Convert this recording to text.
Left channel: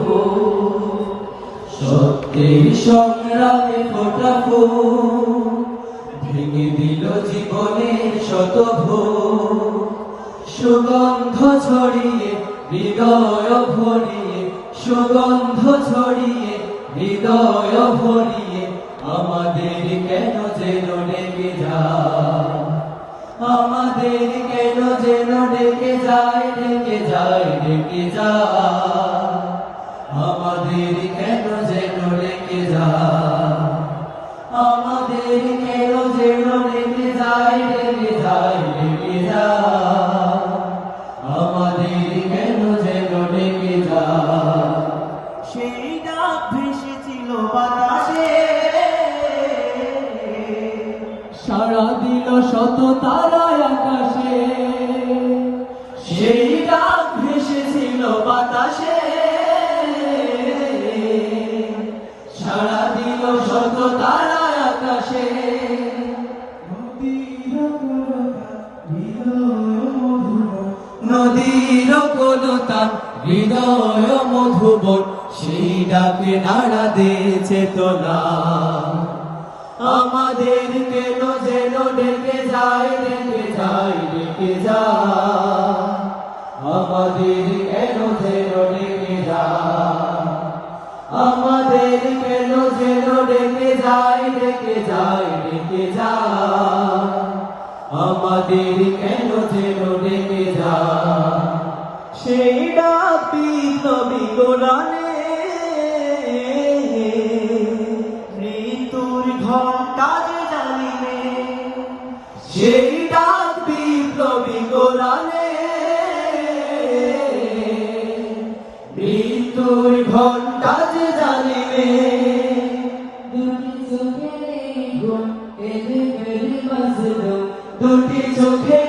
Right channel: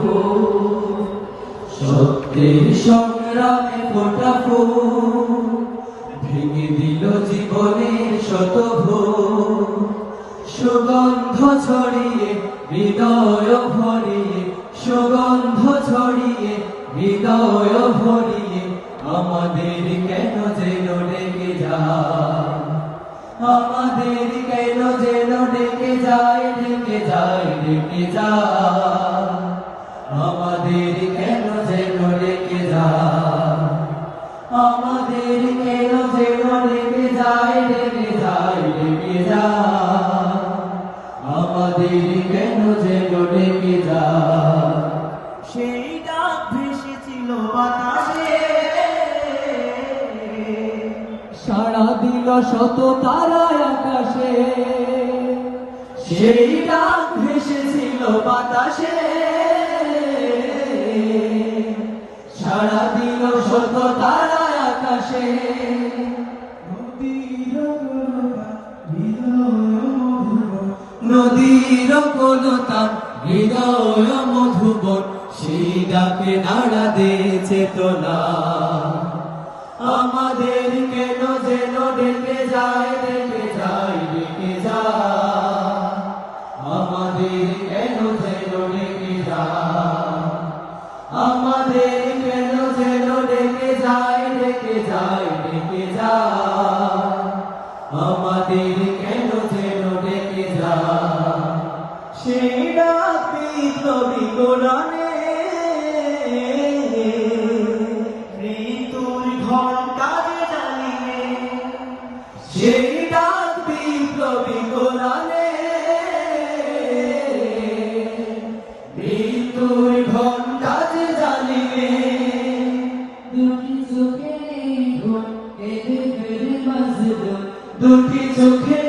ভোর, সত্যের সংগ্রামে ফোটা ফুল ভেঙে দিল জীবনের শত ভোর। সুগন্ধ ছড়িয়ে হৃদয় ভরিয়ে, সুগন্ধ ছড়িয়ে হৃদয় ভরিয়ে, আমাদের কেন যেন ডেকে যায়, আমাদের কেন যেন ডেকে যায়, ডেকে যায়, ডেকে যায়, আমাদের কেন যেন ডেকে যায়, আমাদের কেন যেন ডেকে যায়, ডেকে যায়, ডেকে যায়, আমাদের কেন যেন ডেকে যায়। সেই ডাক ভেসেছিল বাতাসে, সাড়া দিল শত তারায় আকাশে, সেই ডাক ভেসেছিল বাতাসে, সাড়া দিল শত তারায় আকাশে। নদীর কোলতান হৃদয় মধুবন, সেই ডাকে নাড়া দিয়েছে চেতনা, আমাদের কেন যেন ডেকে যায়, ডেকে যায়, ডেকে যায়, আমাদের কেন যেন ডেকে যায়, আমাদের কেন যেন ডেকে যায়, ডেকে যায়, ডেকে যায়, আমাদের কেন যেন ডেকে যায়। সেই ডাক বিপ্লবী কোরআনে, মৃত্যুর ঘণ্টার ডালিমে, সেই ডাক বিপ্লবী কোরআনে, মৃত্যুর ঘণ্টা যে জানিবে। দুটি চোখে